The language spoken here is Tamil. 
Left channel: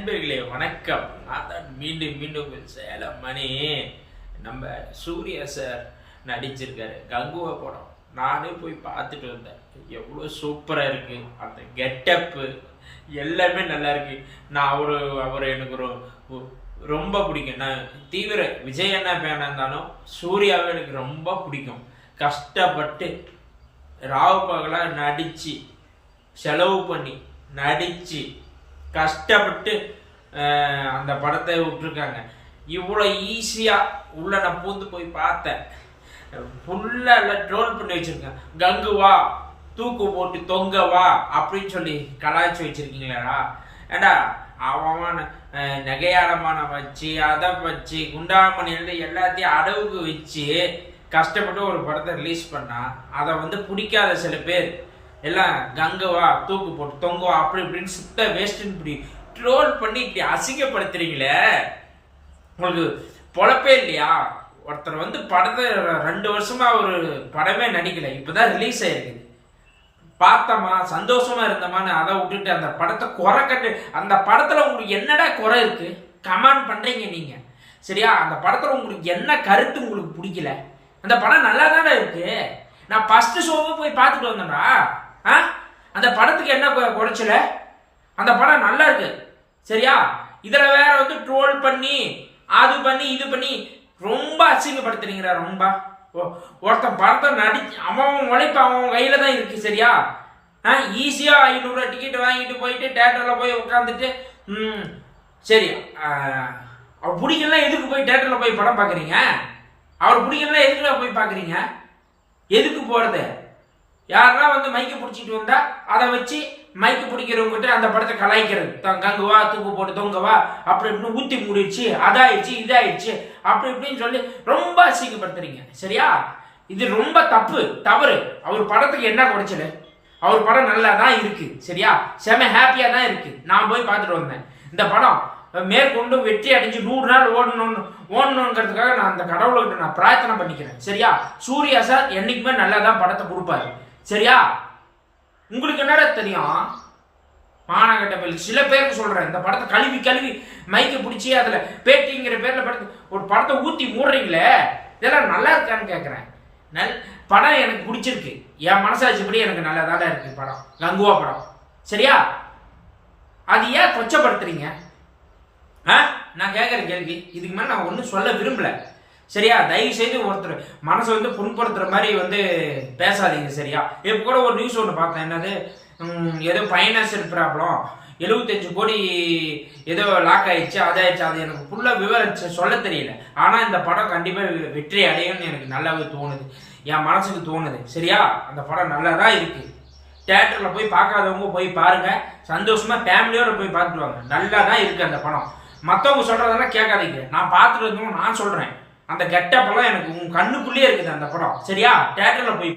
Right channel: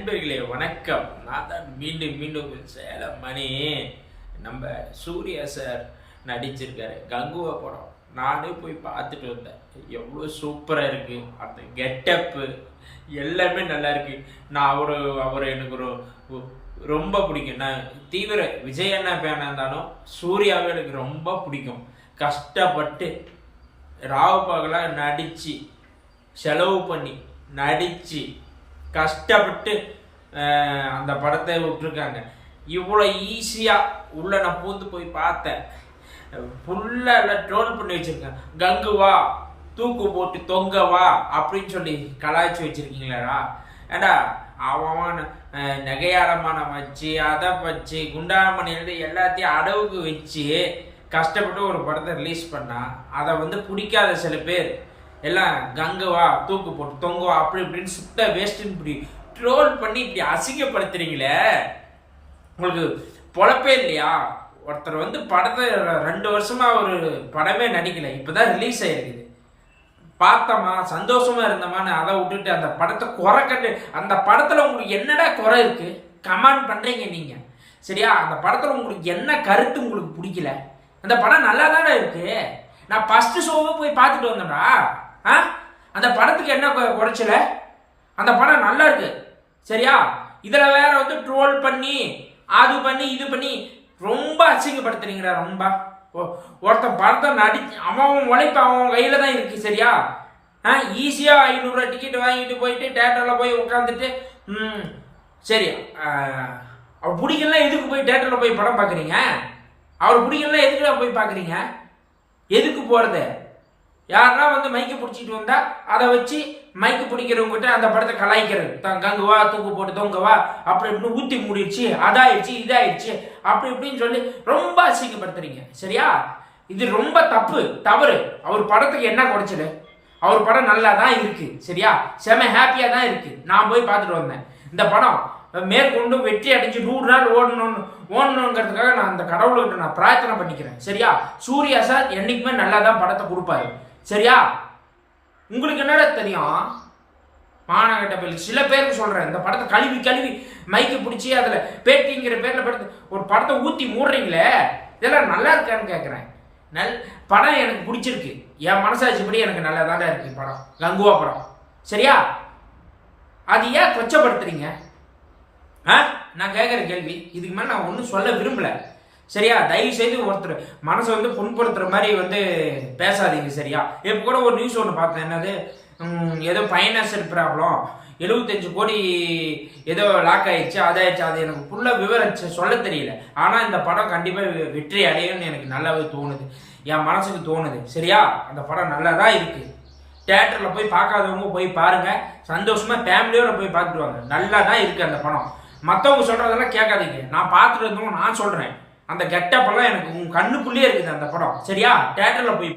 நண்பர்களே வணக்கம். நான் தான் மீண்டும் மீண்டும் சேலம் மணி. நம்ம சூர்யா சார் நடிச்சிருக்காரு. கங்குவா படம். நானே போய் பார்த்துட்டு வந்தேன். எவ்வளோ சூப்பராக இருக்குது அந்த கெட்டப்பு எல்லாமே நல்லா இருக்கு. நான் அவரு அவர் எனக்கு ஒரு ரொம்ப பிடிக்கும். நான் தீவிர விஜய் அண்ணா பேனா இருந்தாலும் சூர்யாவே எனக்கு ரொம்ப பிடிக்கும். கஷ்டப்பட்டு ராவு பகலாக நடித்து செலவு பண்ணி நடித்து கஷ்டப்பட்டு அந்த படத்தை விட்டுருக்காங்க. இவ்வளோ ஈஸியாக உள்ள நான் பூந்து போய் பார்த்தேன். ஃபுல்லாக ட்ரோல் பண்ணி வச்சுருக்கேன். கங்கு வா தூக்கு போட்டு தொங்க வா அப்படின்னு சொல்லி கலாய்ச்சி வச்சிருக்கீங்களேடா. ஏண்டா அவன் அஹ், நகையாரமான வச்சு அதை வச்சு குண்டாமணியில எல்லாத்தையும் அடவுக்கு வச்சு கஷ்டப்பட்டு ஒரு படத்தை ரிலீஸ் பண்ணா அதை வந்து பிடிக்காத சில பேர் எல்லாம் கங்குவா தூக்கு போட்டு தொங்குவா அப்படி இப்படின்னு சுத்த வேஸ்ட்டுன்னு இப்படி ட்ரோல் பண்ணி இப்படி அசிங்கப்படுத்துறீங்களே? உங்களுக்கு பொழப்பே இல்லையா? ஒருத்தர் வந்து படத்தை ரெண்டு வருஷமா ஒரு படமே நடிக்கல இப்போதான் ரிலீஸ் ஆயிருக்குது. பார்த்தோமா சந்தோஷமா இருந்தோமான்னு அதை விட்டுட்டு அந்த படத்தை குறை கட்டு அந்த படத்துல உங்களுக்கு என்னடா குறை இருக்கு? கமெண்ட் பண்றீங்க நீங்க. சரியா? அந்த படத்துல உங்களுக்கு என்ன கருத்து உங்களுக்கு பிடிக்கல? அந்த படம் நல்லா தானே இருக்கு? நான் ஃபஸ்ட்டு ஷோவை போய் பார்த்துட்டு வந்தேன்டா. அந்த படத்துக்கு என்ன கொ- குறைச்சல? அந்த படம் நல்லா இருக்கு. சரியா? இதுல வேற வந்து ட்ரோல் பண்ணி அது பண்ணி இது பண்ணி ரொம்ப அசிங்கப்படுத்துறீங்கடா ரொம்ப. ஒருத்தன் படத்தை நடி அவன் உழைப்பு அவன் கையில தான் இருக்கு சரியா? ஆ ஈஸியா ஐநூறுரூவா டிக்கெட் வாங்கிட்டு போயிட்டு தேட்டர்ல போய் உட்காந்துட்டு ம் சரி அவர் பிடிக்கலாம் எதுக்கு போய் தேட்டர்ல போய் படம் பார்க்குறீங்க? அவர் பிடிக்கலாம் எதுக்குடா போய் பார்க்குறீங்க? எதுக்கு போறது? யாருன்னா வந்து மைக்கு பிடிச்சிட்டு வந்தா அதை வச்சு மைக்கு பிடிக்கிறவங்ககிட்ட அந்த படத்தை கலாய்க்கிறது. கங்குவா தூக்கு போட்டு தொங்கவா அப்படி இப்படின்னு ஊத்தி மூடிடுச்சு அதாயிடுச்சு இதாயிடுச்சு அப்படி இப்படின்னு சொல்லி ரொம்ப அசிங்கப்படுத்துறீங்க. சரியா? இது ரொம்ப தப்பு தவறு. அவர் படத்துக்கு என்ன குறைச்சல? அவர் படம் நல்லா தான் இருக்கு. சரியா? செம ஹாப்பியா தான் இருக்கு. நான் போய் பார்த்துட்டு வந்தேன். இந்த படம் மேற்கொண்டு வெற்றி அடைஞ்சு நூறு நாள் ஓடணும்னு ஓடணுங்கிறதுக்காக நான் அந்த கடவுள்கிட்ட நான் பிரார்த்தனை பண்ணிக்கிறேன். சரியா? சூர்யா சார் என்னைக்குமே நல்லா தான் படத்தை கொடுப்பாரு. சரியா? உங்களுக்கு என்னடா தெரியும்? மாநகட்ட பயில் சில பேருக்கு சொல்கிறேன் இந்த படத்தை கழுவி கழுவி மைக்கு பிடிச்சி அதில் பேட்டிங்கிற பேரில் படத்தை ஒரு படத்தை ஊற்றி மூடுறீங்களே? இதெல்லாம் நல்லா இருக்கான்னு கேட்குறேன் நல் படம் எனக்கு பிடிச்சிருக்கு. என் மனசாட்சிப்படி எனக்கு நல்லா இருக்குது படம். கங்குவா படம். சரியா? அது ஏன் கொச்சப்படுத்துறீங்க? ஆ? நான் கேட்குற கேள்வி. இதுக்கு மேலே நான் ஒன்றும் சொல்ல விரும்பல. சரியா? தயவு செய்து ஒருத்தர் மனசை வந்து புண்படுத்துற மாதிரி வந்து பேசாதீங்க சரியா? இப்போ கூட ஒரு நியூஸ் ஒன்று பார்த்தேன். என்னது? ஏதோ ஃபைனான்சியல் ப்ராப்ளம் எழுபத்தஞ்சு கோடி ஏதோ லாக் ஆயிடுச்சு அதாயிடுச்சு. அது எனக்கு ஃபுல்லாக விவரம் சொல்ல தெரியல. ஆனால் இந்த படம் கண்டிப்பாக வெற்றி அடையும்னு எனக்கு நல்லாவே தோணுது. என் மனசுக்கு தோணுது. சரியா? அந்த படம் நல்லா தான் இருக்குது தேட்டரில் போய் பார்க்காதவங்க போய் பாருங்கள் சந்தோஷமாக ஃபேமிலியோட போய் பார்த்துட்டு வாங்க. நல்லா தான் இருக்குது அந்த படம். மற்றவங்க சொல்கிறதெல்லாம் கேட்காதீங்க. நான் பார்த்துட்டு இருந்தவங்க நான் சொல்கிறேன் அந்த கெட்டப்பெல்லாம் எனக்கு உன் கண்ணுக்குள்ளேயே இருக்குது அந்த படம். சரியா? தேட்டரில் போய்